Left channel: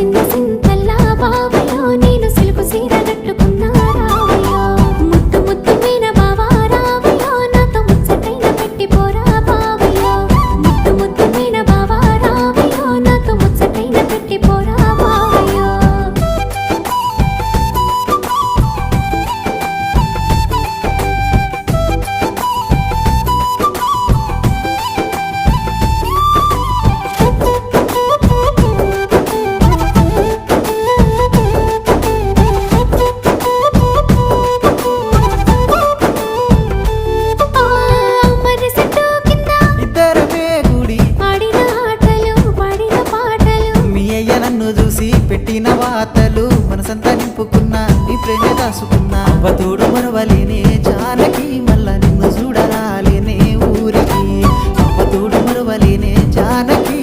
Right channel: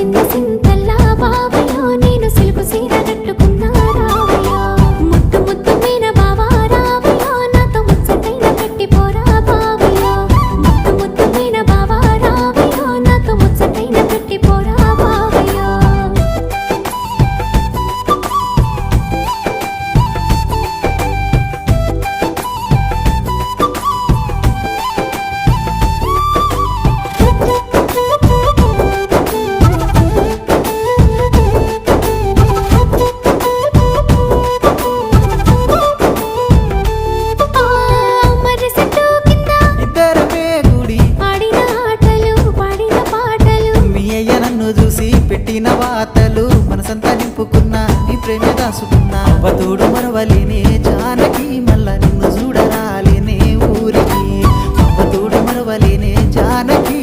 మురిసింద సింతల్లా బావయ్యో నేను సిలుకు సీర కట్టుకున్నా రావయ్యో ముద్దు ముద్దు మీన బావా రావయ్యో నాతో ముచ్చటైన పెట్టిపోరా బావయ్యో ముద్దు ముద్దు మీన బావా రావయ్యో నాతో ముచ్చటైన పెట్టిపోరా బావయ్యో చూసి పెట్టిన వాతలు మనసంతా నింపుకున్నా నీ ప్రేమే దాసుకున్నా అవ్వతోడు మరవలేనే జానకి మళ్ళా నిన్ను చూడరాలేనే ఊరికి అవ్వతోడు మరవలేనే జానకి